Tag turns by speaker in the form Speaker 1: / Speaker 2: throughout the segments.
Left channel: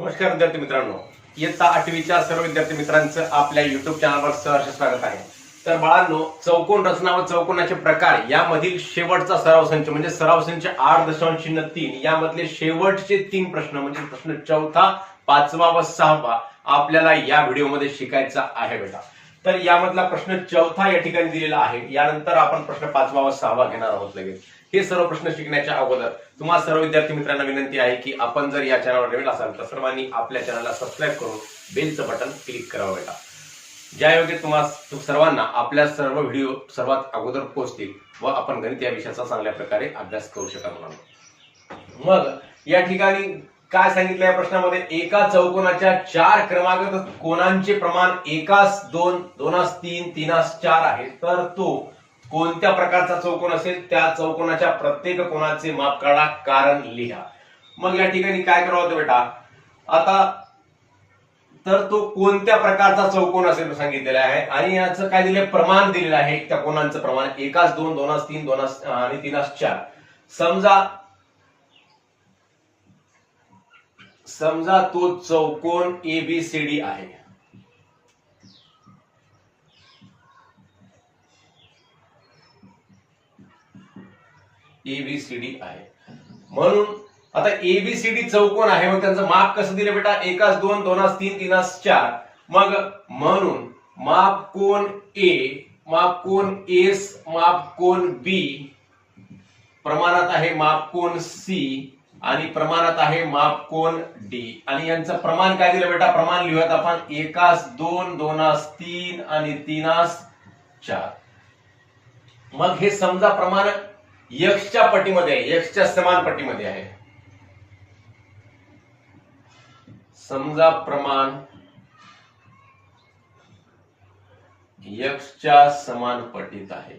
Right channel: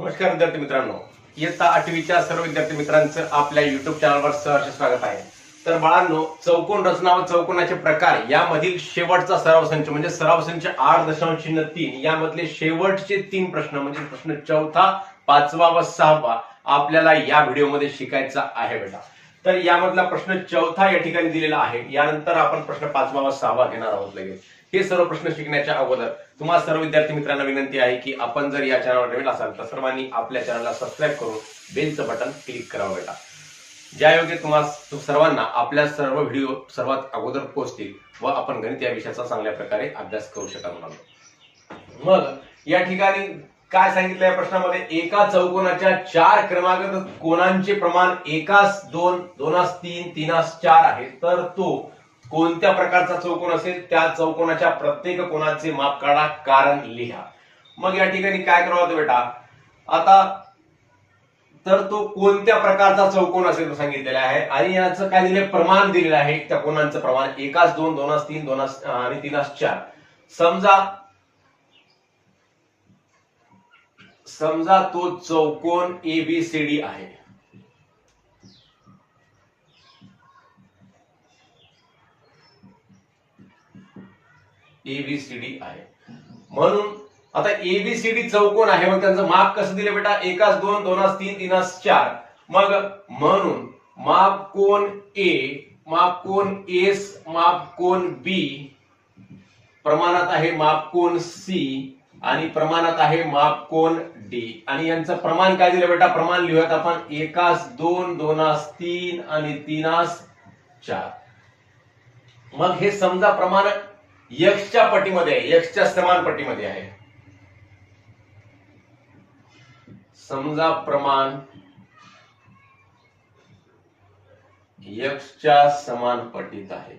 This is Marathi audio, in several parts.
Speaker 1: नमस्कार विद्यार्थी मित्रांनो. इयत्ता आठवीच्या सर्व विद्यार्थी मित्रांचं आपल्या युट्यूब चॅनलवर सहर्ष स्वागत आहे. तर बाळांनो चौकोन रचना व चौकोनाचे प्रकार यामधील शेवटचा सराव संच म्हणजे सराव संच आठ दशांश चिन्ह तीन यामधले शेवटचे तीन प्रश्न म्हणजे प्रश्न चौथा पाचवा व सहावा आपल्याला या व्हिडिओमध्ये शिकायचा आहे बेटा. तर यामधला प्रश्न चौथा या ठिकाणी दिलेला आहे. यानंतर आपण प्रश्न पाचवा व सहावा घेणार आहोत लगेच. हे सर्व प्रश्न शिकण्याच्या अगोदर तुम्हाला सर्व विद्यार्थी मित्रांना विनंती आहे की आपण जर या चॅनलवर नवीन असाल तर सर्वांनी आपल्या चॅनलला सबस्क्राईब करून बेलचं बटन क्लिक करावं बेटा. ज्या योग्य सर्वांना आपल्या सर्व व्हिडिओ सर्वात अगोदर पोहोचतील व आपण गणित या विषयाचा चांगल्या प्रकारे अभ्यास करू शका म्हणून मग या ठिकाणी काय सांगितलं या प्रश्नामध्ये? एका चौकोनाच्या चार क्रमांक कोणांचे प्रमाण एकास दोन दोनास तीन तीनास चार आहे. तर तो कोणत्या प्रकारचा चौकोन असेल त्या चौकोनाच्या प्रत्येक कोणाचे माप काढा कारण लिहा. मग या ठिकाणी काय करावं होतं बेटा? आता तर तो कोणत्या प्रकारचा चौकोन असेल सांगितलेला आहे आणि याचं काय दिले प्रमाण दिलेलं आहे त्या कोणांचं प्रमाण. एकाच दोन दोनास तीन दोनास आणि तीनास चार. समजा समजा तो चौकोन एबीसीडी आहे. एबीसीडी आहे. म्हणून आता एबीसीडी चौकोन आहे मग त्यांचं माप कसं दिलं बेटा? एकाच दोन दोनास तीन तीनास चार. मग म्हणून माप कोण ए माप कोण एस माप कोण बी प्रमाणात आहे माप कोण सी आणि प्रमाणात आहे माप कोण डी आणि यांचं प्रमाण काय दिलं बेटा? प्रमाण लिहूयात आपण. एकास दोन दोनास तीन आणि तीनास चार. मग हे समजा प्रमाण यक्षच्या पटीमध्ये आहे यक्षच्या समान पटीमध्ये आहे. समजा प्रमाण यक्षच्या समान पटीत आहे.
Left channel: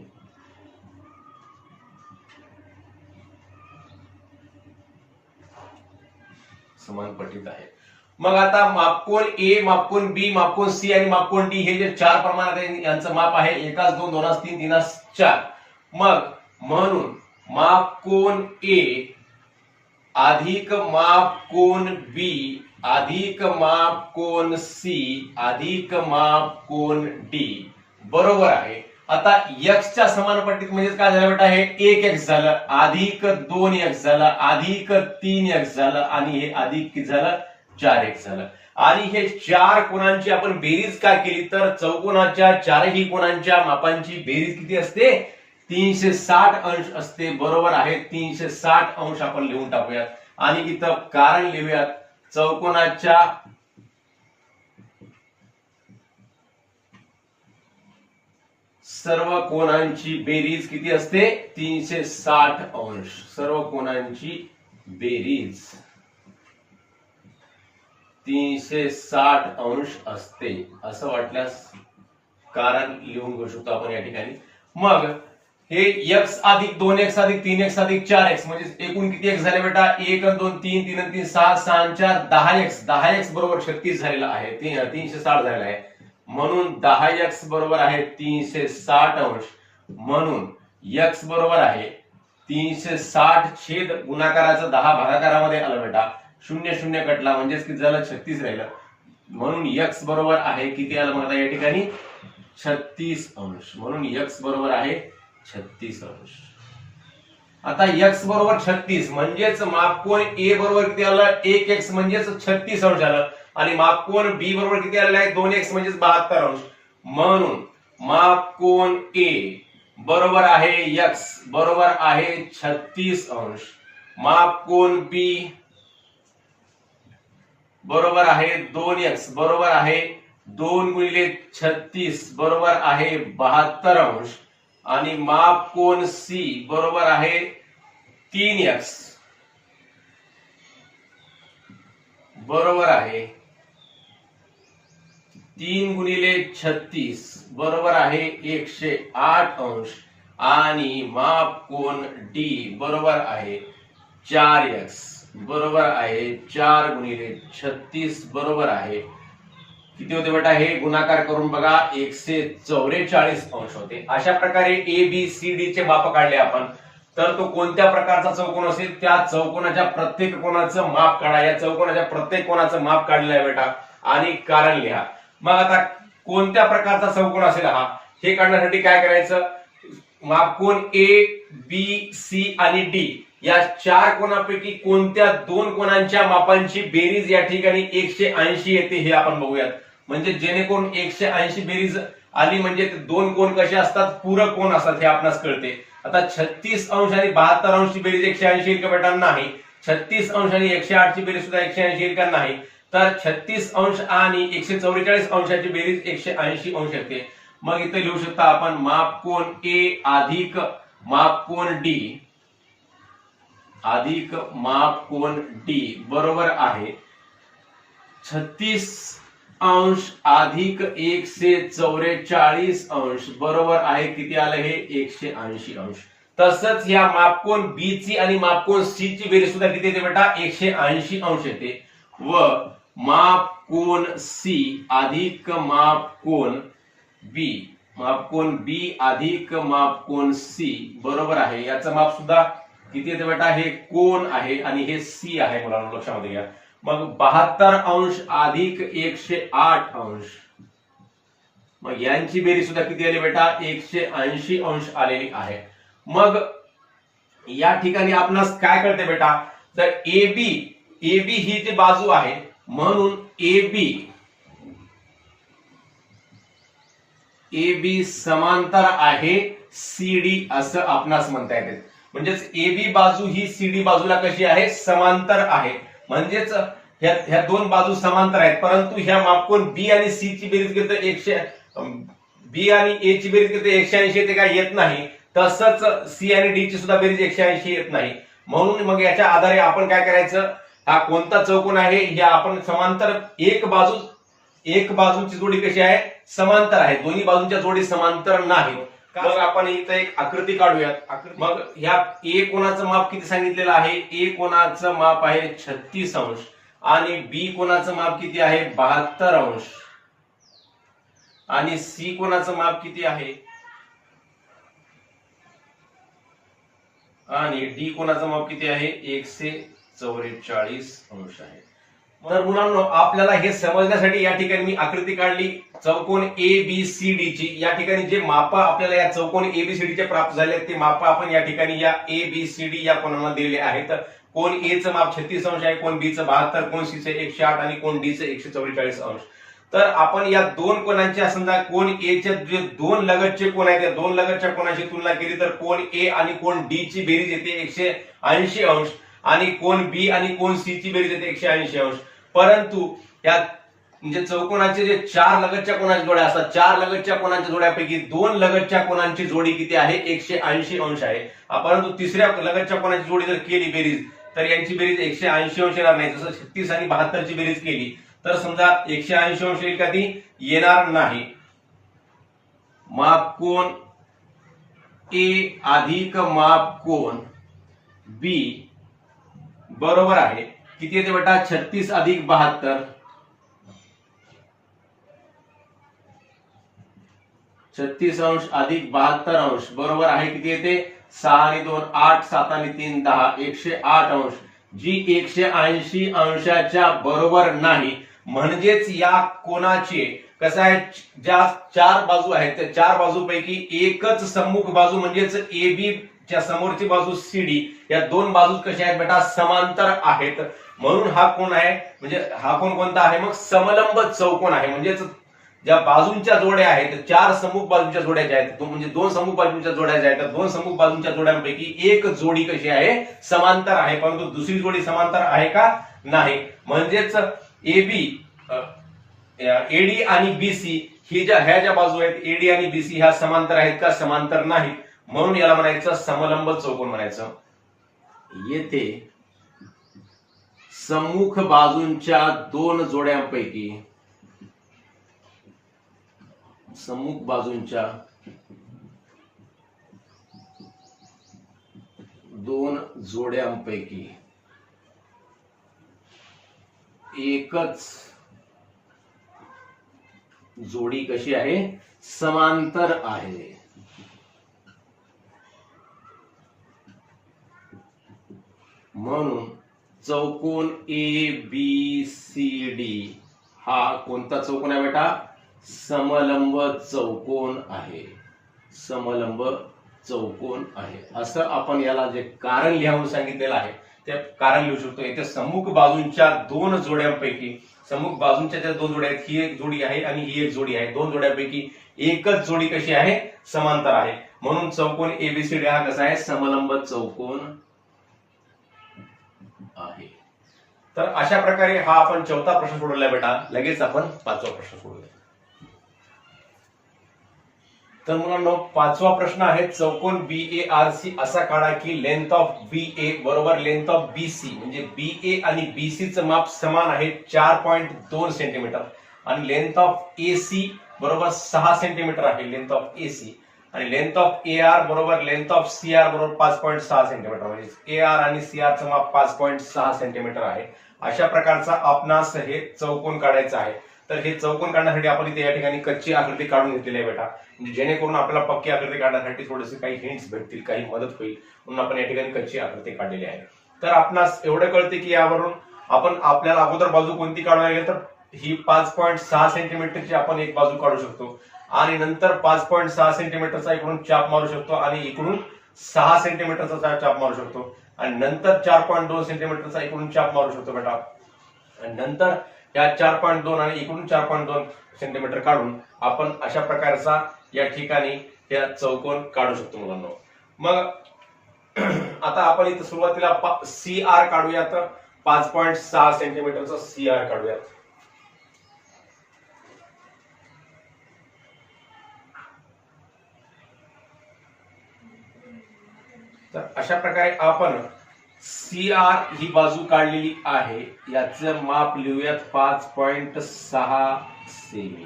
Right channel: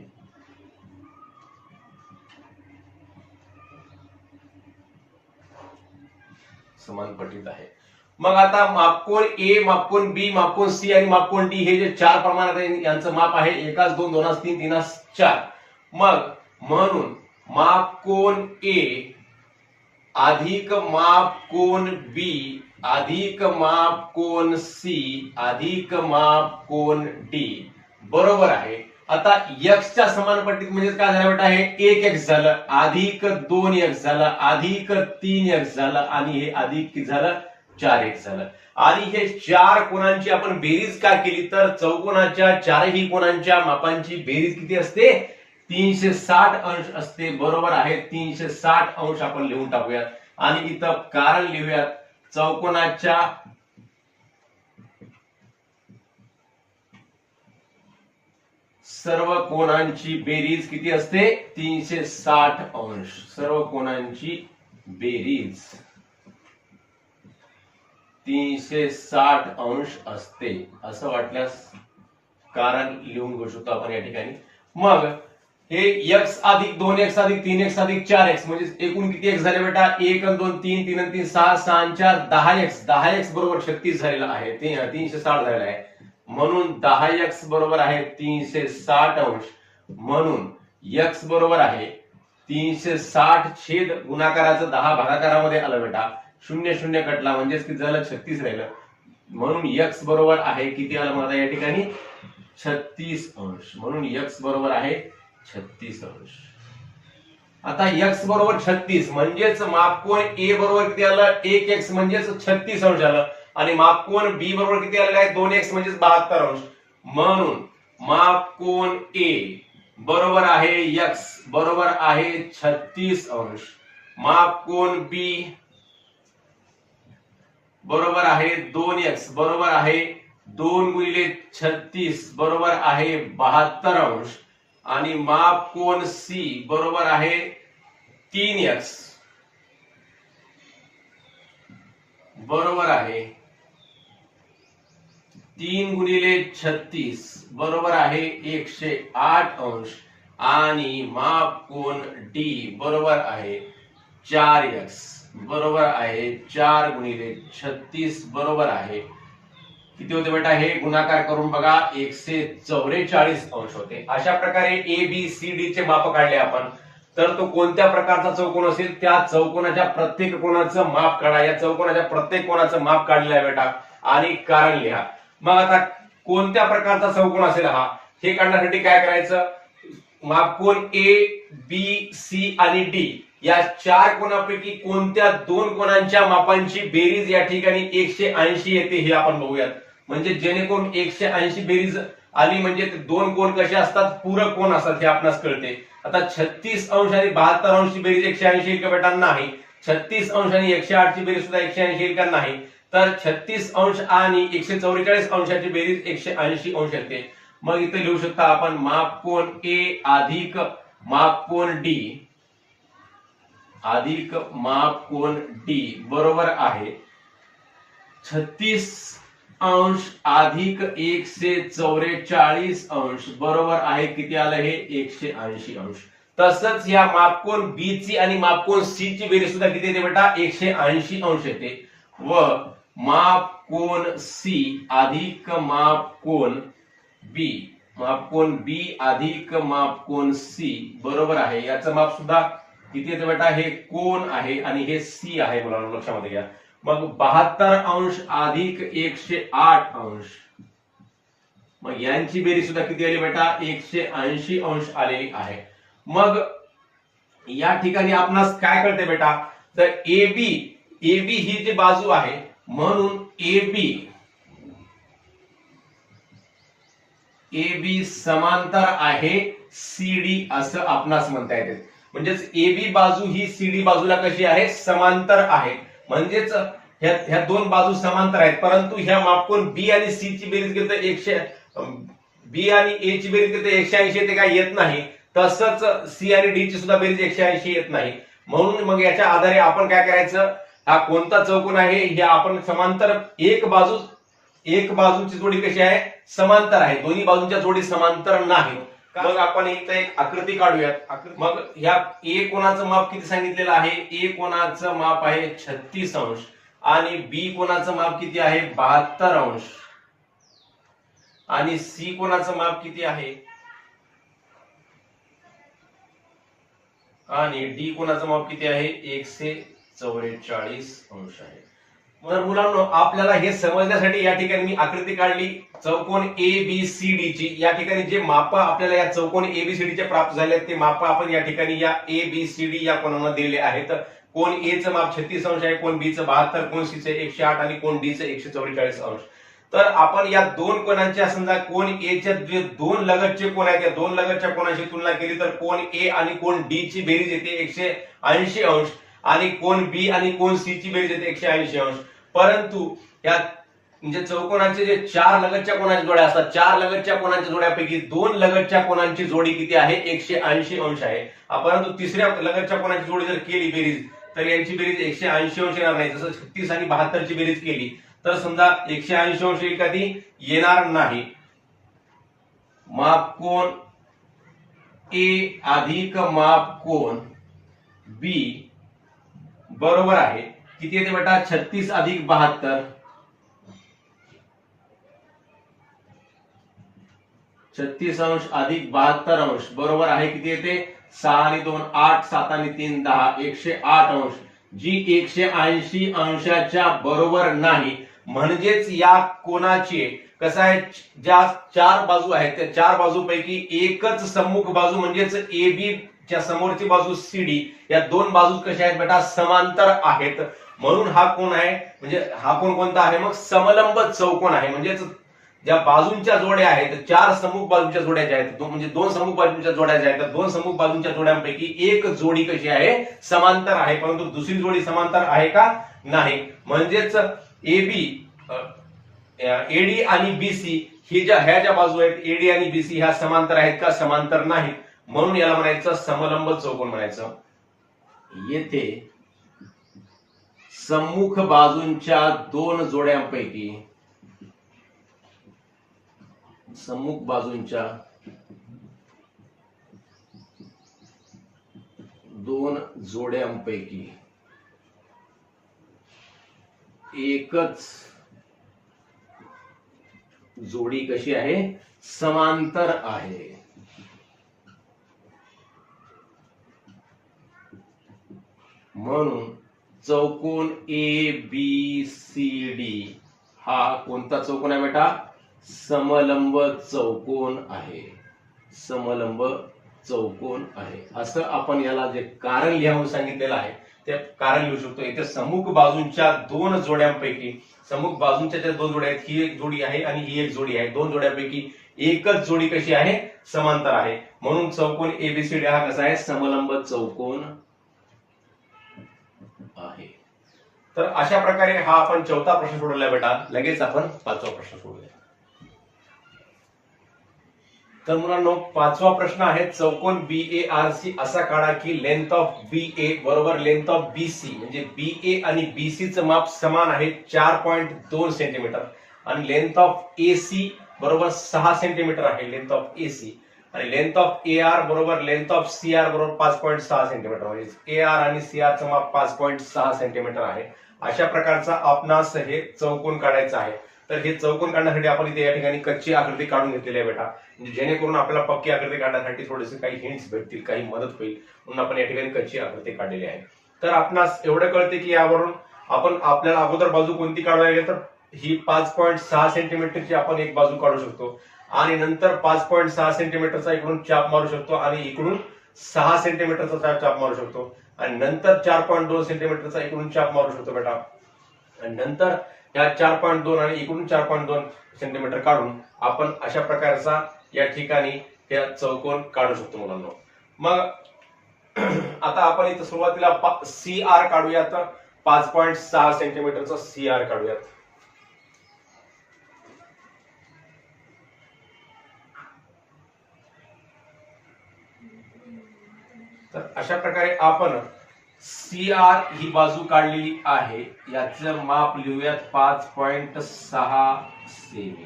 Speaker 1: समान पटीत आहे. मग आता मापकोण ए मापकोण बी मापकोण सी आणि मापकोण डी हे जे चार प्रमाणात आहे यांचं माप आहे एकाच दोन दोनास तीन तीनास चार. मग म्हणून माप कोण ए अधिक माप कोण बी अधिक माप कोण सी अधिक माप कोण डी. बरोबर आहे. आता एक्सच्या समान पट्टीत म्हणजे काय झालं बेटा? हे एक एक्स झालं अधिक दोन एक्स झालं अधिक तीन एक्स झालं आणि हे अधिक किती झालं? चार एक्स झालं. आणि हे चार कोणांची आपण बेरीज काय केली? तर चौकोनाच्या चारही कोणांच्या मापांची बेरीज किती असते? तीनशे साठ अंश असते बरोबर आहे. तीनशे साठ अंश आपण लिहून टाकूयात. आणि इथं कारण लिहूयात. चौकोनाच्या सर्व कोणांची बेरीज किती असते? तीनशे साठ अंश. सर्व कोणांची बेरीज. तीनशे साठ अंश असते. असं वाटल्यास कारण लिहून घेऊ शकतो आपण या ठिकाणी. मग हे एक्स अधिक दोन एक्स अधिक तीन एक्स अधिक चार एक्स म्हणजे एकूण किती एक्स झाले बेटा? एक आणि दोन तीन तीन आणि तीन सहा सहा चार दहा एक्स दहा एक्स बरोबर छत्तीस झालेला आहे. तीनशे साठ झालेला आहे. म्हणून दहा एक्स बरोबर आहे तीनशे साठ अंश. म्हणून एक्स बरोबर आहे तीनशे साठ छेद गुणाकाराचं दहा भागाकारामध्ये आलं बेटा. शून्य शून्य कटला म्हणजेच किती झालं? छत्तीस राहिलं. म्हणून एक्स बरोबर आहे किती आलं मग आता या ठिकाणी? छत्तीस अंश. म्हणून एक्स बरोबर आहे छत्तीस अंश. आता एक्स बरोबर छत्तीस म्हणजेच मापकोन ए बरोबर किती आलं? एक एक्स म्हणजेच छत्तीस अंश आलं. आणि मापकोन बी बरोबर किती आलेलं आहे? दोन एक्स म्हणजेच बहात्तर अंश. म्हणून मापकोन ए बरोबर आहे एक्स बरोबर आहे छत्तीस अंश. मापकोन बी बरोबर आहे दोन एक्स बरोबर आहे दोन गुणिले छत्तीस बरोबर आहे बहात्तर अंश. आणि माप कोण सी बरोबर आहे तीन एक्स बरोबर आहे तीन गुणिले छत्तीस. बरोबर आहे एकशे आठ अंश. आणि माप कोण डी बरोबर आहे चार एक्स बरोबर आहे चार गुणिले छत्तीस. बरोबर आहे किती होते बेटा? हे गुणाकार करून बघा एकशे चौवेचाळीस अंश होते. अशा प्रकारे ए बी सी डी चे माप काढले आपण. तर तो कोणत्या प्रकारचा चौकोन असेल? त्या चौकोनाच्या प्रत्येक कोणाचं माप काढा. या चौकोनाच्या प्रत्येक कोणाचं माप काढलेलं आहे बेटा. आणि कारण लिहा. मग आता कोणत्या प्रकारचा चौकोन असेल हा? हे काढण्यासाठी काय करायचं? माप कोण? ए बी सी आणि डी या चार कोणापैकी कोणत्या दोन कोणांच्या मापांची बेरीज या ठिकाणी एकशे ऐंशी येते हे आपण बघूयात. म्हणजे जेणेकरून एकशे ऐंशी बेरीज आली म्हणजे ते दोन कोण कसे असतात? पूरक कोण असतात हे आपणास कळते. आता छत्तीस अंश आणि बहात्तर अंशची बेरीज एकशे ऐंशी येईल बेटा नाही. छत्तीस अंश आणि एकशे आठची बेरीज सुद्धा एकशे ऐंशी येईल नाही. तर छत्तीस अंश आणि एकशे चौवेचाळीस अंशाची बेरीज एकशे ऐंशी अंश येते. मग इथे लिहू शकता आपण माप कोण ए अधिक माप कोण डी. अधिक माप कोण डी. बरोबर आहे. छत्तीस अंश अधिक एकशे चौवेचाळीस अंश. बरोबर आहे किती आलं हे? एकशे ऐंशी अंश. तसंच या मापकोन बी ची आणि मापकोन सी ची बेरीज सुद्धा किती येते बेटा? एकशे ऐंशी अंश येते. व मापकोन सी अधिक मापकोन बी मापकोन बी अधिक मापकोन सी बरोबर आहे. याचं माप सुद्धा किती येते बेटा? हे कोण आहे आणि हे सी आहे. मुलांना लक्षामध्ये घ्या. मग बहात्तर अंश अधिक एकशे आठ अंश. मग यांची बेरी सुद्धा किती आली बेटा? एकशे ऐंशी अंश आलेली आहे. मग या ठिकाणी आपणास काय कळते बेटा? तर ए बी ए बी ही जी बाजू आहे म्हणून ए बी ए बी समांतर आहे सीडी असं आपणास म्हणता येते. म्हणजेच ए बी बाजू ही सीडी बाजूला कशी आहे? समांतर आहे. म्हणजेच ह्या ह्या दोन बाजू समांतर आहेत. परंतु ह्या मापकोन बी आणि सी ची बेरीज घेतो एकशे बी आणि ए ची बेरीज घेतो एकशे ऐंशी ते काय येत नाही. तसंच सी आणि डी ची सुद्धा बेरीज एकशे ऐंशी येत नाही. म्हणून मग याच्या आधारे आपण काय करायचं? हा कोणता चौकोन आहे? हे आपण समांतर एक बाजू एक बाजूची जोडी कशी आहे? समांतर आहे. दोन्ही बाजूंच्या जोडी समांतर नाही मग आपण इथं एक आकृती काढूयात. आकृती- मग ह्या ए कोणाचं माप किती सांगितलेलं आहे? ए कोणाचं माप आहे छत्तीस अंश आणि बी कोणाचं माप किती आहे? बहात्तर अंश. आणि सी कोणाचं माप किती आहे? आणि डी कोणाचं माप किती आहे? एकशे चौवेचाळीस अंश आहे. तर मुलांनो आपल्याला हे समजण्यासाठी या ठिकाणी मी आकृती काढली. चौकोन ए बी सी डी ची. या ठिकाणी जे माप आपल्याला या चौकोन ए बी सी डी चे प्राप्त झाले आहेत, ते माप आपण या ठिकाणी या ए बी सी डी या कोणामध्ये दिलेले आहेत. कोण ए चं माप छत्तीस अंश आहे कोण बी चं बहात्तर कोण सी चं एकशे आठ आणि कोण डी चं एकशे चौवेचाळीस अंश. तर आपण या दोन कोणांच्या समजा कोण ए चे जे दोन लगतचे कोण आहेत त्या दोन लगतच्या कोणाशी तुलना केली तर कोण ए आणि कोण डी ची बेरीज येते एकशे ऐंशी अंश आणि कोण बी आणि कोण सी ची बेरीज येते एकशे ऐंशी अंश. परंतु या म्हणजे चौकोनाचे जे चार लगतच्या कोणाच्या जोड्या असतात चार लगतच्या कोणाच्या जोड्यापैकी दोन लगतच्या कोणांची जोडी किती आहे? एकशे ऐंशी अंश आहे. परंतु तिसऱ्या लगतच्या कोणाची जोडी जर केली बेरीज तर यांची बेरीज एकशे ऐंशी अंश येणार नाही. जसं छत्तीस आणि बहात्तरची बेरीज केली तर समजा एकशे ऐंशी अंश एखादी येणार नाही. माप कोण? ए अधिक माप कोण? बी बरोबर आहे. किती येते बेटा? छत्तीस अधिक बहात्तर. छत्तीस अंश अधिक बहात्तर अंश. बरोबर आहे किती येते? सहा आणि दोन आठ सात आणि तीन दहा. एकशे आठ अंश. जी एकशे ऐंशी अंशाच्या बरोबर नाही म्हणजेच या कोणाचे? कसं आहे? ज्या चार बाजू आहेत त्या चार बाजूपैकी एकच सम्मुख बाजू म्हणजेच ए बी च्या समोरची बाजू सीडी या दोन बाजू कशा आहेत बेटा? समांतर आहेत. म्हणून हा कोण आहे? म्हणजे हा कोण कोणता आहे? मग समलंब चौकोन आहे. म्हणजेच ज्या बाजूंच्या जोड्या आहेत चार समूह बाजूच्या जोड्या ज्या आहेत म्हणजे दोन समूह बाजूंच्या जोड्या ज्या आहेत तर दोन समूह बाजूंच्या जोड्यांपैकी एक जोडी कशी आहे? समांतर आहे. परंतु दुसरी जोडी समांतर आहे का? नाही. म्हणजेच ए बी एडी आणि बीसी ही ज्या ह्या ज्या बाजू आहेत एडी आणि बीसी ह्या समांतर आहेत का? समांतर नाही म्हणून याला म्हणायचं समलंब चौकोन म्हणायचं. येते सम्मुख बाजूंच्या दोन जोड्यांपैकी सम्मुख बाजूंच्या दोन जोड्यांपैकी एकच जोडी कशी आहे? समांतर आहे. म्हणून चौकोन ए बी सी डी हा कोणता चौकोन आहे बेटा? समलंब चौकोन आहे. समलंब चौकोन आहे. असं आपण याला जे कारण लिहावं सांगितलेलं आहे ते कारण लिहू शकतो. इथे समुख बाजूंच्या दोन जोड्यांपैकी समुख बाजूंच्या ज्या दोन जोड्या आहेत ही एक जोडी आहे आणि ही एक जोडी आहे. दोन जोड्यांपैकी एकच जोडी कशी आहे? समांतर आहे. म्हणून चौकोन एबीसीडी हा कसा आहे? समलंब चौकोन आहे. तर अशा प्रकारे हा आपण चौथा प्रश्न सोडवला बेटा. लगेच आपण पाचवा प्रश्न सोडवूया तर मुलांनो पाचवा प्रश्न आहे चौकोन बी ए आर सी असा काढा की लेंथ ऑफ बी ए बरोबर लेंथ ऑफ बी सी म्हणजे बी ए आणि बी सी माप समान आहे चार पॉईंट दोन सेंटीमीटर आणि लेंथ ऑफ ए सी बरोबर सहा सेंटीमीटर आहे लेंथ ऑफ ए सी आणि लेंथ ऑफ ए आर बरोबर लेंथ ऑफ सी आर बरोबर पाच पॉईंट सहा सेंटीमीटर म्हणजे ए आर आणि सी आर चं माप पाच पॉईंट सहा सेंटीमीटर आहे. अशा प्रकारचा आपणास हे चौकोन काढायचं आहे. तर हे चौकोन काढण्यासाठी आपण इथे या ठिकाणी कच्ची आकृती काढून घेतलेली आहे बेटा. म्हणजे जेणेकरून आपल्याला पक्की आकृती काढण्यासाठी थोडेसे काही हिंट्स भेटतील काही मदत होईल. म्हणून आपण या ठिकाणी कच्ची आकृती काढलेली आहे. तर आपणास एवढं कळते की यावरून आपण आपल्याला अगोदर बाजू कोणती काढावी लागेल तर ही पाच पॉईंट सहा सेंटीमीटरची आपण एक बाजू काढू शकतो. आणि नंतर पाच पॉईंट सहा सेंटीमीटरचा इकडून चाप मारू शकतो आणि इकडून सहा सेंटीमीटरचा चाप मारू शकतो. आणि नंतर चार पॉईंट दोन सेंटीमीटरचा इकडून चाप मारू शकतो बेटा. आणि नंतर या चार पॉईंट दोन आणि इकडून चार पॉईंट दोन सेंटीमीटर काढून आपण अशा प्रकारचा या ठिकाणी या चौकोन काढू शकतो मुलांना. मग आता आपण इथं सुरुवातीला सी आर काढूयात. पाच पॉईंट सहा सेंटीमीटरचा सी आर काढूयात. तर अशा प्रकारे आपण सी आर ही बाजू काढलेली आहे. याचं माप लिहूयात पाच पॉइंट सहा सेमी.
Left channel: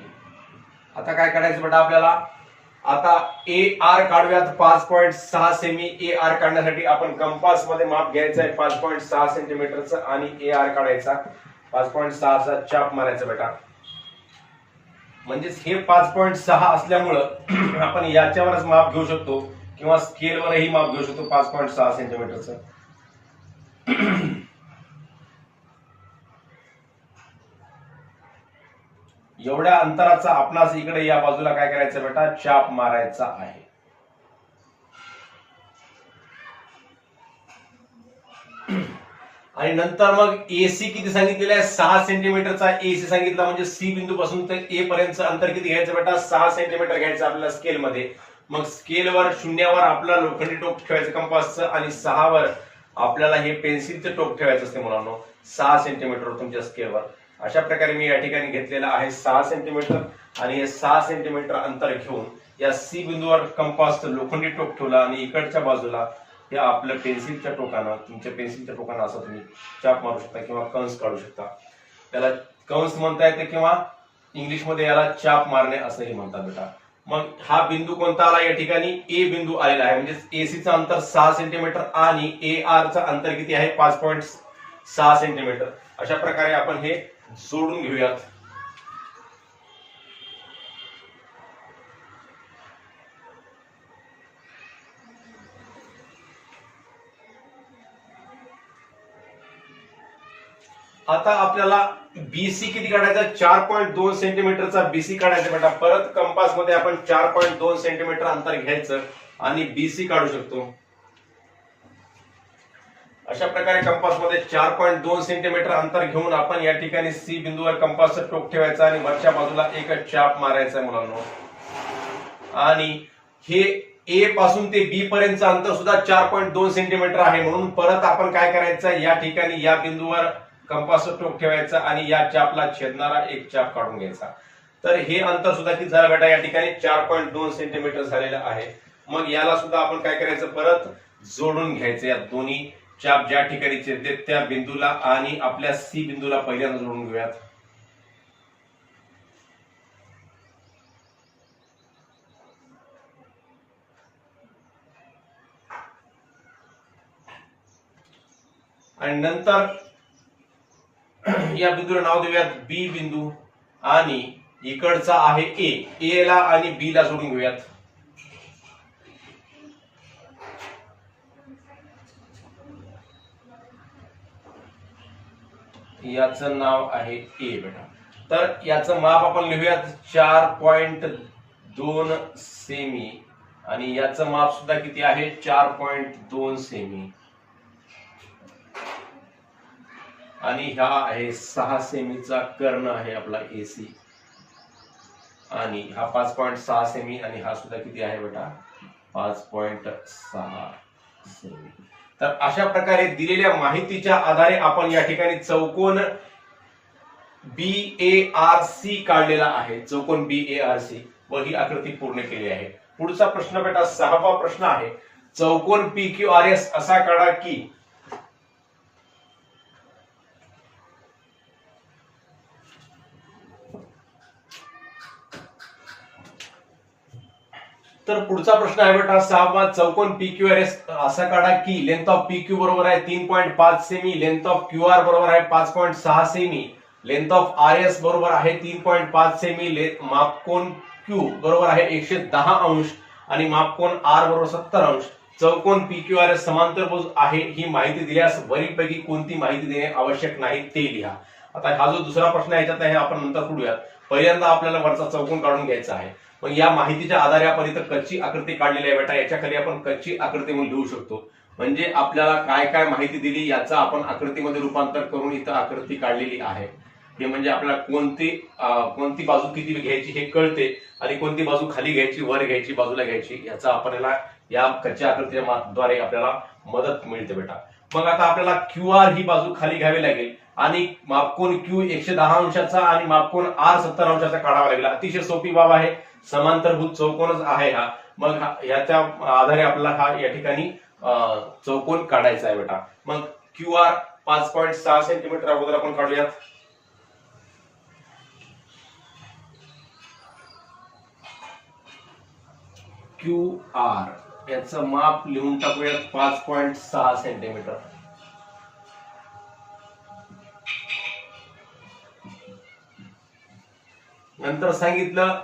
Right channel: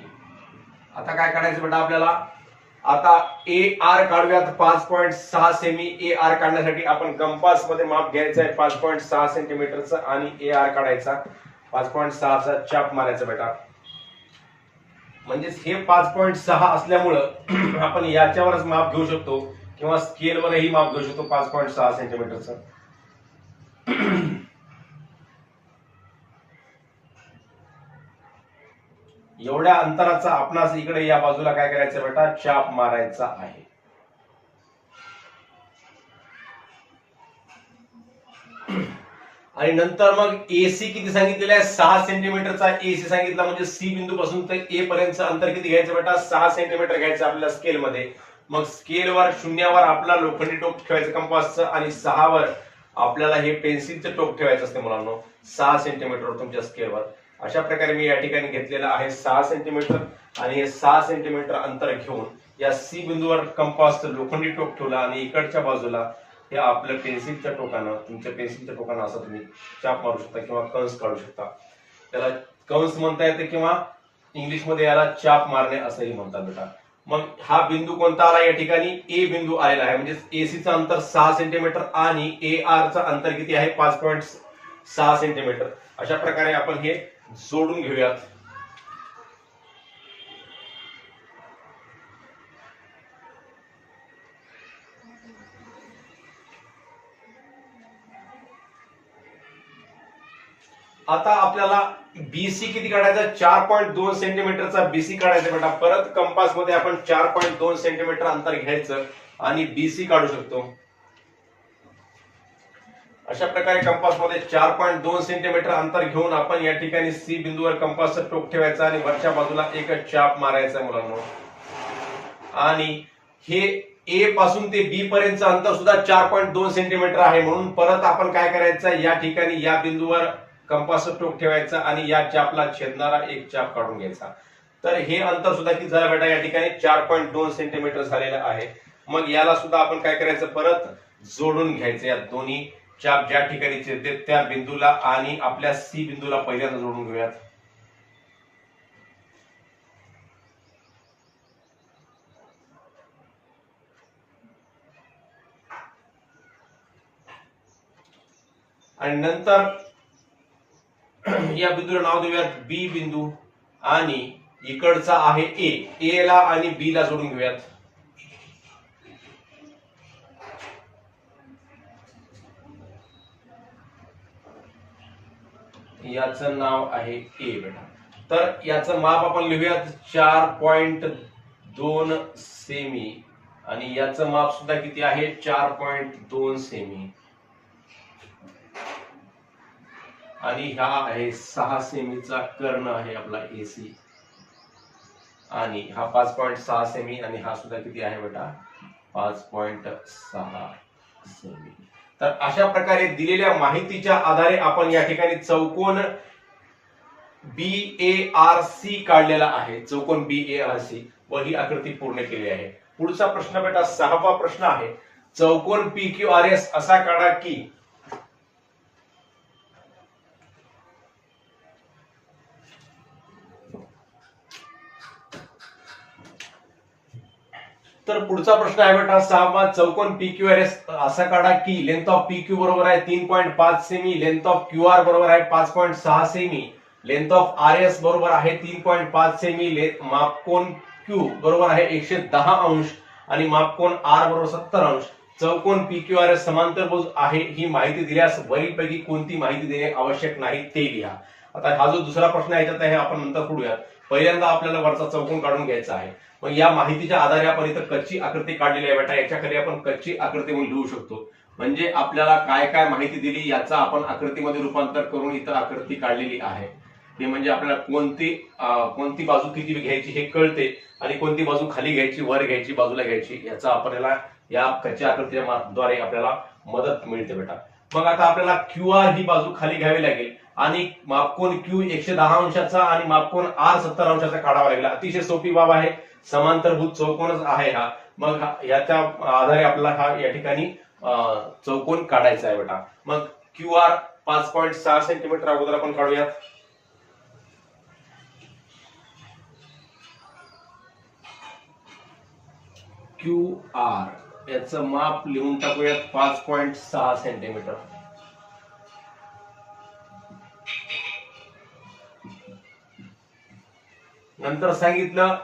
Speaker 1: आता काय काढायचं बेटा आपल्याला? आता ए आर काढूयात पाच पॉईंट सहा सेमी. ए आर काढण्यासाठी आपण कंपासमध्ये माप घ्यायचं आहे पाच पॉईंट सहा सेंटीमीटरचं आणि ए आर काढायचा. पाच पॉईंट सहाचा चाप मारायचा बेटा. म्हणजेच हे पाच पॉईंट सहा असल्यामुळं आपण याच्यावरच माप घेऊ शकतो. किंवा स्केलवरही माप घेऊ शकतो पाच पॉईंट सहा सेंटीमीटरचं एवढ्या अंतराचा आपणास इकडे या बाजूला काय करायचं बेटा? चाप मारायचा आहे. आणि नंतर मग एसी किती सांगितलेलं आहे? सहा सेंटीमीटरचा एसी सांगितला म्हणजे सी बिंदू पासून ते ए पर्यंत अंतर किती घ्यायचं बेटा? सहा सेंटीमीटर घ्यायचं आपल्या स्केलमध्ये मग स्केलवर शून्यावर आपला लोखंडी टोक ठेवायचं कंपासचं आणि सहावर आपल्याला हे पेन्सिलचं टोक ठेवायचं असते मुलांना. सहा सेंटीमीटर तुमच्या स्केलवर. अशा प्रकारे मी या ठिकाणी घेतलेलं आहे सहा सेंटीमीटर आणि हे सहा सेंटीमीटर अंतर घेऊन या सी बिंदूवर कंपासचं लोखंडी टोक ठेवला आणि इकडच्या बाजूला हे आपलं पेन्सिलच्या टोकानं तुमच्या पेन्सिलच्या टोकानं असं तुम्ही चाप मारू शकता किंवा कंस काढू शकता. त्याला कंस म्हणता येते किंवा इंग्लिशमध्ये याला चाप मारणे असंही म्हणतात बेटा. मग हा बिंदू कोणता आला या ठिकाणी? ए बिंदू आलेला आहे. म्हणजे एसीचं अंतर सहा सेंटीमीटर आणि ए आरचं अंतर किती आहे? पाच पॉईंट सहा सेंटीमीटर अशा प्रकारे आपण हे जोडून घेऊयात. आता आपल्याला बीसी किती काढायचा? चार पॉईंट दोन सेंटीमीटरचा बीसी काढायचा बेटा परत कंपासमध्ये आपण चार पॉईंट दोन सेंटीमीटर अंतर घ्यायचं आणि बीसी काढू शकतो. अशा प्रकारे कंपासमध्ये चार पॉईंट दोन सेंटीमीटर अंतर घेऊन आपण या ठिकाणी सी बिंदूवर कंपासचं टोक ठेवायचा आणि वरच्या बाजूला एक चाप मारायचा मुलांना. आणि हे ए पासून ते बी पर्यंतचं अंतर सुद्धा चार पॉईंट दोन सेंटीमीटर आहे म्हणून परत आपण काय करायचं? या ठिकाणी या बिंदूवर कंपासचं टोक ठेवायचं आणि या चापला छेदणारा एक चाप काढून घ्यायचा. तर हे अंतर सुद्धा किती झालं बेटा? या ठिकाणी चार पॉईंट दोन सेंटीमीटर झालेलं आहे. मग याला सुद्धा आपण काय करायचं? परत जोडून घ्यायचं या दोन्ही चाप ज्या ठिकाणी छेदते त्या बिंदूला आणि आपल्या सी बिंदूला पहिल्यांदा जोडून घेऊयात. आणि नंतर या बिंदूला नाव देऊयात बी बिंदू आणि इकडचा आहे ए. ए ला आणि बी ला जोडून घेऊयात. याचं नाव आहे ए बेटा. तर याचं माप आपण लिहूयात चार पॉइंट दोन सेमी. आणि याचं माप सुद्धा किती आहे? चार पॉइंट दोन सेमी. आणि हा आहे सहा सेमीचा कर्ण आहे आपला एसी आणि हा पाच पॉईंट सहा सेमी आणि हा सुद्धा किती आहे बेटा? पाच पॉईंट सहा सेमी तर अशा प्रकारे दिलेल्या माहितीच्या आधारे आपण या ठिकाणी चौकोन बी ए आर सी काढलेला आहे. चौकोन बी ए आर सी व ही आकृती पूर्ण केली आहे. पुढचा प्रश्न बेटा सहावा प्रश्न आहे. चौकोन पी क्यू आर एस असा काढा की तर पुढचा प्रश्न आहे बेटा सहावा चौकोन पी क्यू आर एस असा काढा की लेंथ ऑफ पी क्यू बरोबर आहे तीन पॉईंट पाच सेमी लेंथ ऑफ क्यू आर बरोबर आहे पाच पॉईंट सहा सेमी लेंथ ऑफ आर एस बरोबर आहे तीन पॉईंट पाच सेमी मापकोन क्यू बरोबर आहे एकशे दहा अंश आणि मापकोन आर बरोबर सत्तर अंश. चौकोन पी क्यू आर एस समांतरभुज आहे ही माहिती दिल्यास वरीलपैकी कोणती माहिती देणे आवश्यक नाही ते लिहा. आता हा जो दुसरा प्रश्न आहे याच्यात आहे आपण नंतर पुढूयात. पहिल्यांदा आपल्याला वरचा चौकोन काढून घ्यायचा आहे. मग या माहितीच्या आधारे आपण इथं कच्ची आकृती काढलेली आहे बेटा. याच्या खाली आपण कच्ची आकृती म्हणून लिहू शकतो. म्हणजे आपल्याला काय काय माहिती दिली याचा आपण आकृतीमध्ये रूपांतर करून इथं आकृती काढलेली आहे. हे म्हणजे आपल्याला कोणती कोणती बाजू किती घ्यायची हे कळते आणि कोणती बाजू खाली घ्यायची वर घ्यायची बाजूला घ्यायची याचा आपल्याला या कच्च्या आकृतीच्या द्वारे आपल्याला मदत मिळते बेटा. मग आता आपल्याला क्यू आर ही बाजू खाली घ्यावी लागेल आणि मापकोन क्यू एकशे दहा अंशाचा आणि मापकोन आर सत्तर अंशाचा काढावा लागेल. अतिशय सोपी बाब आहे. समांतरभूत चौकोनच आहे हा. मग याच्या आधारे आपला हा या ठिकाणी चौकोन काढायचा आहे बेटा. मग क्यू आर पाच पॉईंट सहा सेंटीमीटर अगोदर आपण काढूयात. क्यू आर याचं माप लिहून टाकूयात पाच पॉईंट सहा सेंटीमीटर. नंतर सांगितलं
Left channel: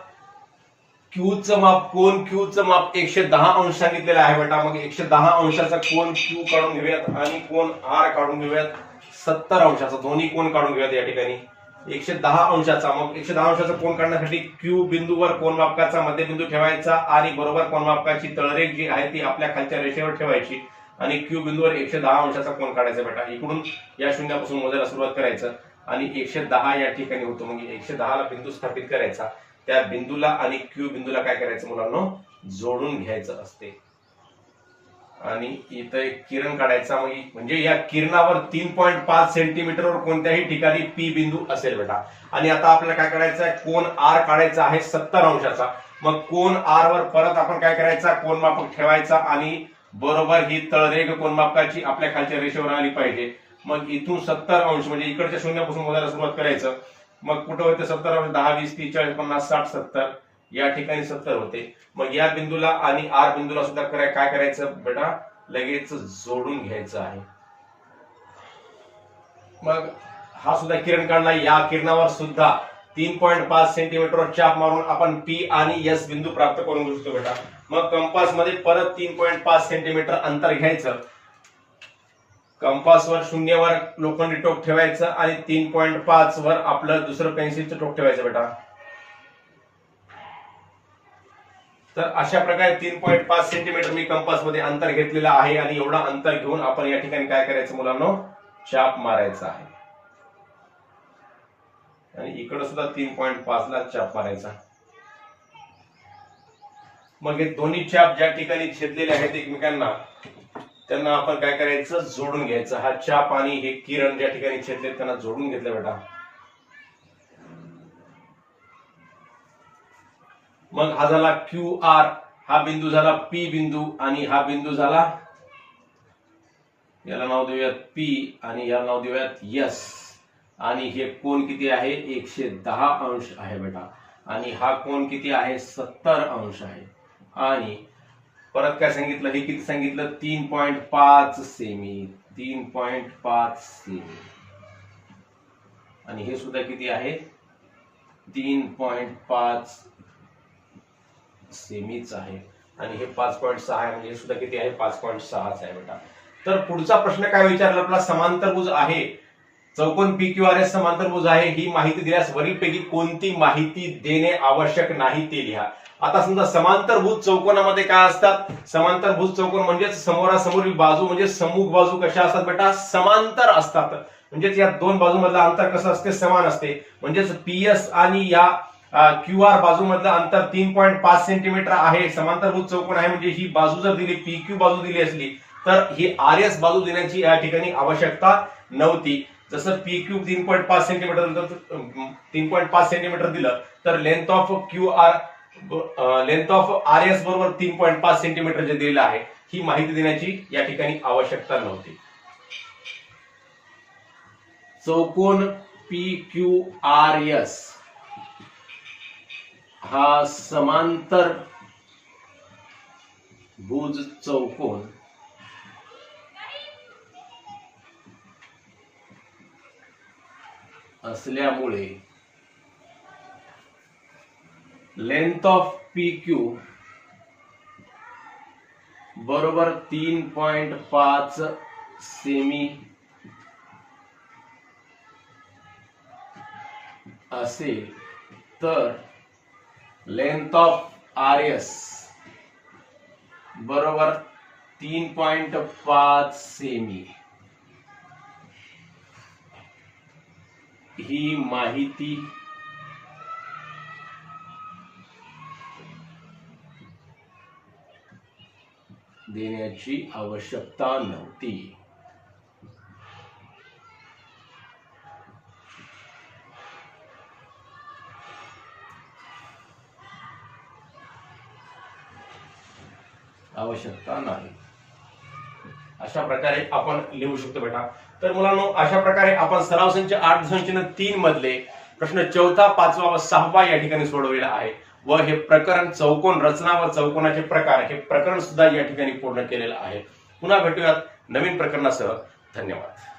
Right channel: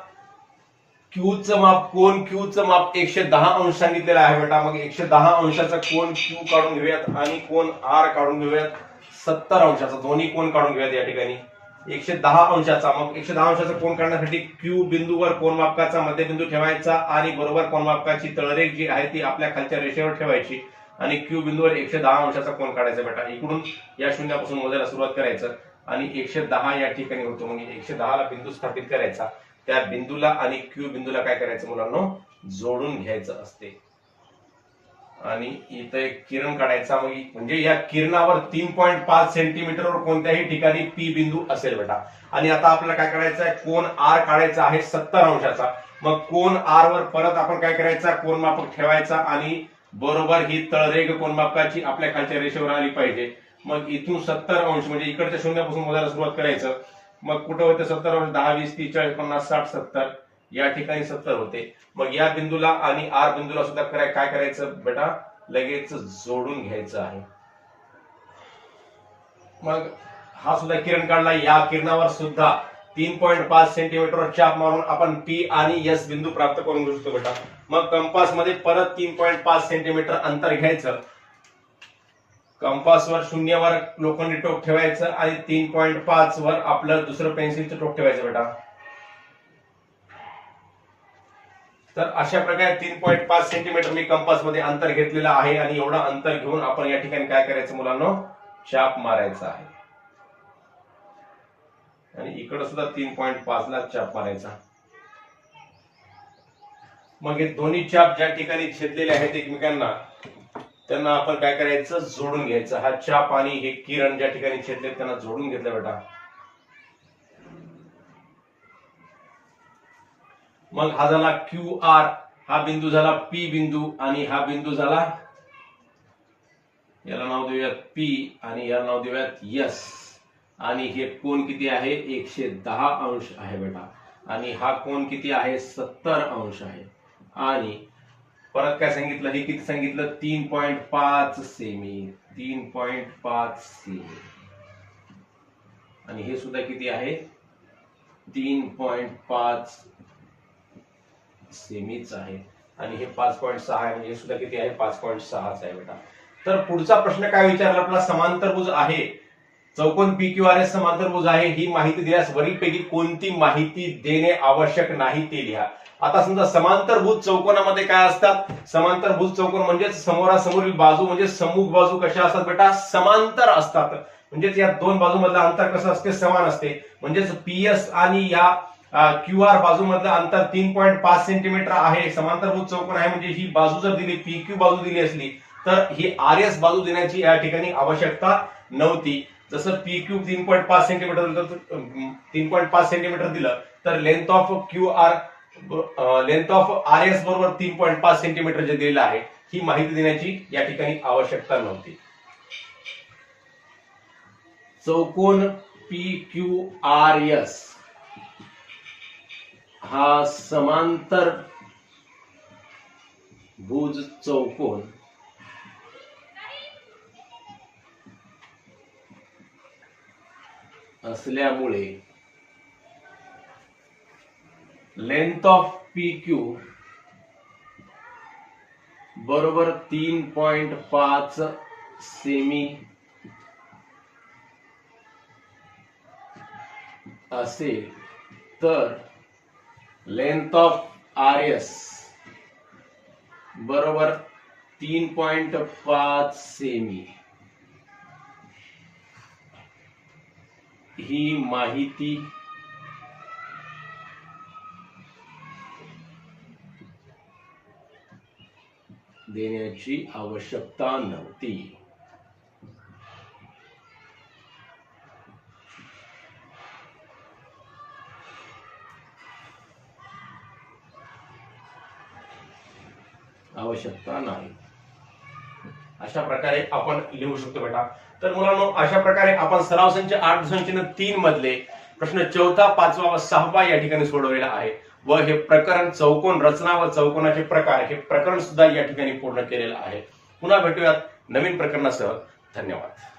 Speaker 1: क्यूचं माप कोण क्यूचं माप एकशे दहा अंश सांगितलेलं आहे बेटा. मग एकशे दहा अंशाचा कोण क्यू काढून घेऊयात आणि कोण आर काढून घेऊयात? सत्तर अंशाचा. दोन्ही कोण काढून घेऊयात या ठिकाणी. एकशे दहा अंशाचा. मग एकशे दहा अंशाचा कोण काढण्यासाठी क्यू बिंदूवर कोण मापकाचा मध्यबिंदू ठेवायचा आणि बरोबर कोण मापकाची तळरेख जी आहे ती आपल्या खालच्या रेषेवर ठेवायची आणि क्यू बिंदूवर एकशे दहा अंशाचा कोण काढायचा बेटा. इकडून या शून्यापासून मोजायला सुरुवात करायचं आणि एकशे दहा या ठिकाणी होतो. म्हणजे एकशे दहाला बिंदू स्थापित करायचा. त्या बिंदूला आणि क्यू बिंदूला काय करायचं मुलांना? जोडून घ्यायचं असते. आणि इथं एक किरण काढायचा मग म्हणजे या किरणावर तीन पॉईंट पाच सेंटीमीटरवर कोणत्याही ठिकाणी पी बिंदू असेल बेटा. आणि आता आपल्याला काय करायचं आहे? कोण आर काढायचा आहे सत्तर अंशाचा. मग कोण आर वर परत आपण काय करायचा? कोण मापक ठेवायचा आणि बरोबर ही तळरेग कोण मापकाची आपल्या खालच्या रेषेवर आली पाहिजे. मग इथून सत्तर अंश म्हणजे इकडच्या शून्यापासून मोजायला सुरुवात करायचं. मग कुठं होते सत्तर दहा वीस तीस चाळीस पन्नास साठ सत्तर. या ठिकाणी सत्तर होते. मग या बिंदूला आणि आर बिंदूला सुद्धा कराय काय करायचं बेटा? लगेच जोडून घ्यायचं आहे. मग हा सुद्धा किरण काढला. या किरणावर सुद्धा तीन पॉईंट पाच सेंटीमीटरवर चाप मारून आपण पी आणि एस बिंदू प्राप्त करून घेऊ शकतो बेटा. मग कंपासमध्ये परत तीन पॉईंट पाच सेंटीमीटर अंतर घ्यायचं. कंपासवर शून्यवर लोखंडी टोक ठेवायचं आणि तीन पॉईंट पाच वर आपलं दुसरं पेन्सिलचं टोक ठेवायचं बेटा. तर अशा प्रकारे तीन पॉईंट पाच सेंटीमीटर मी कंपासमध्ये अंतर घेतलेलं आहे आणि एवढा अंतर घेऊन आपण या ठिकाणी काय करायचं मुलांना? चाप मारायचा आहे. आणि इकडं सुद्धा तीन पॉईंट पाच ला चाप मारायचा. मग हे दोन्ही चाप ज्या ठिकाणी छेदलेले आहेत एकमेकांना त्यांना आपण काय करायचं? जोडून घ्यायचं. हा चहा पाणी हे किरण ज्या ठिकाणी छेदले त्यांना जोडून घेतलं बेटा. मग हा झाला क्यू आर. हा बिंदू झाला पी बिंदू आणि हा बिंदू झाला याला नाव देऊयात पी आणि याला नाव देऊयात यस. आणि हे कोण किती आहे? एकशे दहा अंश आहे बेटा. आणि हा कोण किती आहे? सत्तर अंश आहे. आणि परत काय सांगितलं? हे किती सांगितलं? तीन पॉइंट पाच सेमी. तीन पॉइंट पाच सेमी. आणि हे सुद्धा किती आहे? तीन पॉइंट पाच सेमीच आहे. आणि हे पाच पॉईंट सहा आहे म्हणजे हे सुद्धा किती आहे? पाच पॉईंट सहाच आहे बेटा. तर पुढचा प्रश्न काय विचारला? आपला समांतरभुज आहे. चौकोन पी क्यू आर एस समांतरभुज आहे. ही माहिती दिल्यास वरीलपैकी कोणती माहिती देणे आवश्यक नाही ते लिहा. आता समजा समांतरभूत चौकोनामध्ये काय असतात? समांतरभूत चौकोन म्हणजेच समोरासमोरील बाजू म्हणजे समूह बाजू कशा असतात बेटा? समांतर असतात. म्हणजेच या दोन बाजूमधलं अंतर कसं असते? समान असते. म्हणजेच पीएस आणि या क्यू आर बाजूमधलं अंतर तीन पॉईंट पाच सेंटीमीटर आहे. समांतरभूत चौकोन आहे म्हणजे ही बाजू जर दिली पी क्यू बाजू दिली असली तर ही आर एस बाजू देण्याची या ठिकाणी आवश्यकता नव्हती. जसं पी क्यू तीन पॉईंट पाच सेंटीमीटर तीन पॉईंट पाच सेंटीमीटर दिलं तर length of Q R length of R S बरोबर तीन पॉईंट पाच सेंटीमीटर जे दिलेलं आहे ही माहिती देण्याची या ठिकाणी आवश्यकता नव्हती. चौकोन पी क्यू आर एस हा समांतर भुज चौकोन. असल्यामुळे लेंथ ऑफ पी क्यू बरोबर तीन पॉइंट पाच सेमी असेल तर लेंथ ऑफ आर एस बरोबर तीन पॉइंट पाच सेमी ही माहिती देण्याची आवश्यकता नव्हती. आवश्यकता नाही. अशा प्रकारे आपण लिहू शकतो बेटा. तर मुलांनो अशा प्रकारे आपण सराव संच आठ संचन तीन मधले प्रश्न चौथा पाचवा व सहावा या ठिकाणी सोडवलेला आहे. व हे प्रकरण चौकोन रचना व चौकोनाचे प्रकार हे प्रकरण सुद्धा या ठिकाणी पूर्ण केलेलं आहे. पुन्हा भेटूयात नवीन प्रकरणासह. धन्यवाद.